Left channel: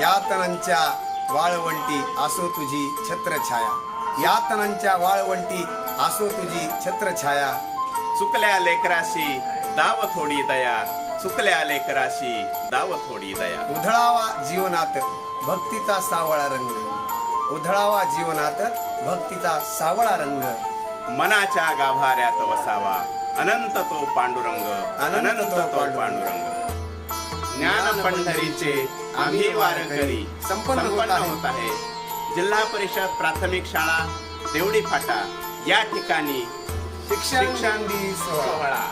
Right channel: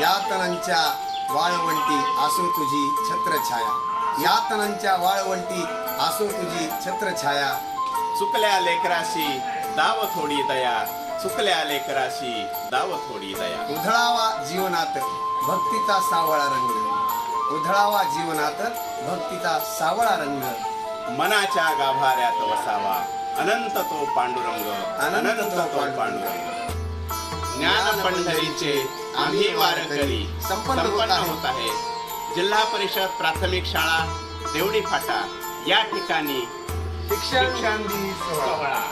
यातनांच्या वाळवंटी असो तुझी छत्रछाया, यातनांच्या वाळवंटी असो तुझी छत्रछाया. चुकल्या लेकराशी दाव थोडी दया, चुकल्या लेकराशी दाव थोडी दया. उधळावा जीवनात भक्तीचा सावळा रंग, उधळावा जीवनात भक्तीचा सावळा रंग. मनाच्या गाभाऱ्यात वसावा अनंत तो पांडुरंग, अनंत तो पांडुरंग. ज्ञान पंढरीचे आम्ही वारकरी संपन्न होत आहे. जिल्हा परिषद प्राथमिक शाळा देवडी फाटा या ठिकाणी शिक्षण दिन सोहळा.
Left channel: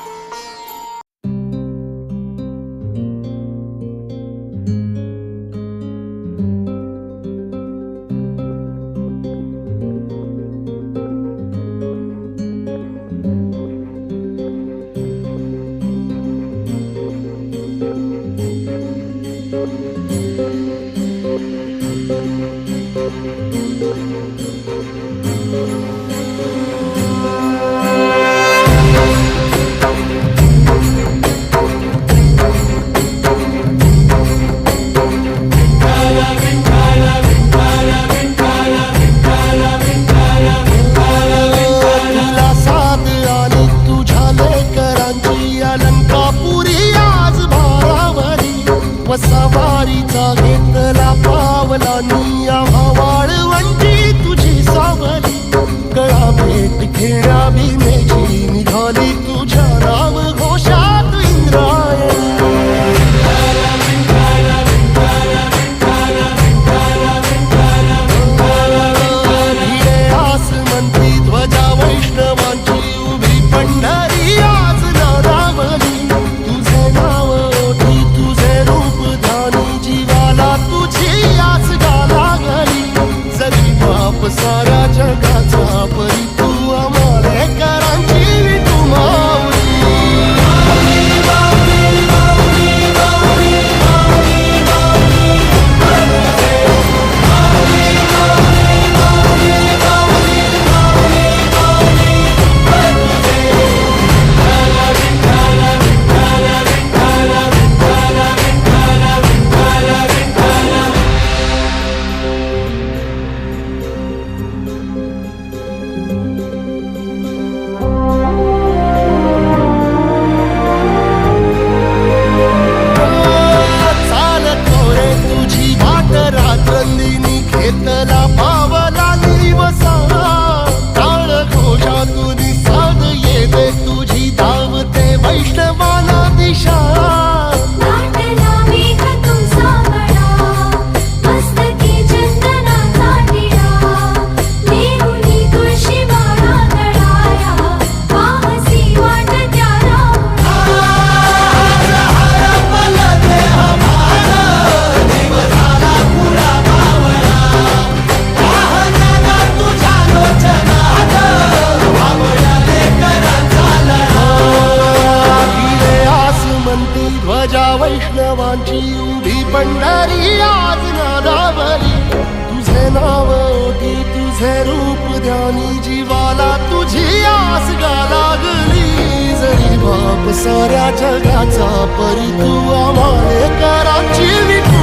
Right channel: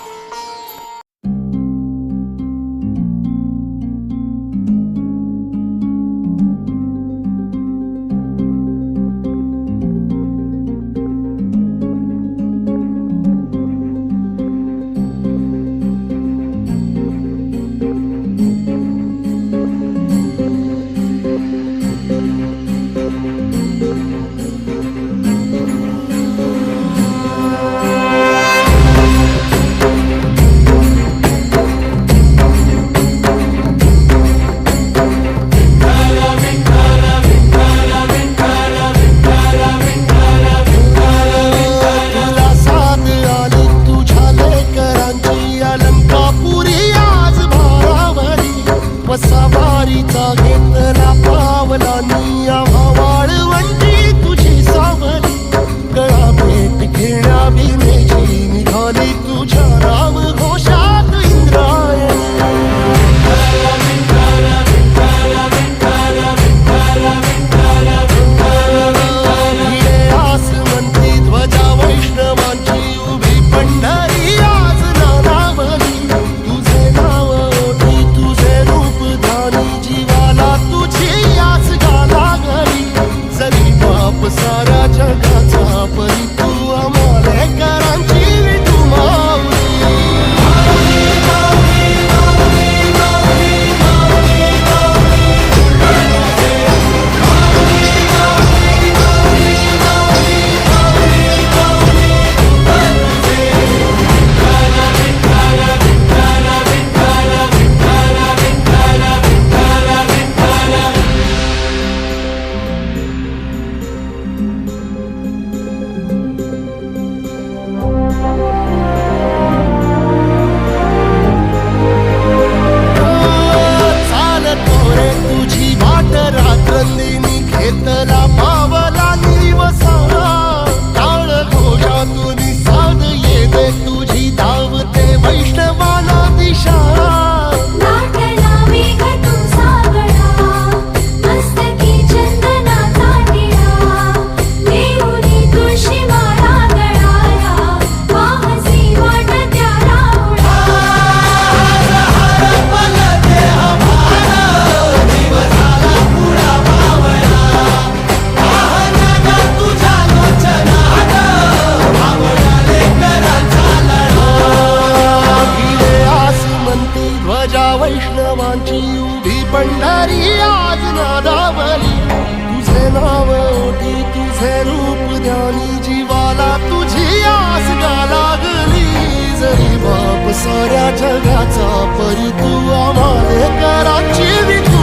वसावारीचा घेतला पावला निया वाळवंटी तुझी सावली. गळा भेट घेण्या भिनेची निघाली तुझ्या नाव घोषात इंद्रायणी. भिडे आसमंती ध्वजा वैष्णवांची उभी पंढरी आज नादावली. तुझे नाव ओठी तुझे रूप ध्यानी जीवाला तुझी आस गाला गली. जरी बाप साऱ्या जगाचा परी तू आमालेकरांची विठू माऊली. रात्रंदिनी घेतला पावला निवसा. टाळ घोषातून साध येते तुझी धावते वैष्णवाला दिशा. ध्वजा वैष्णवांची उभी पंढरी आज नादावली. तुझे नाव ओठी तुझे रूप ध्यानी जीवाला तुझी आस गा लागली. जरी बाप साऱ्या जगाचा परी तू आमालेकरांची विठू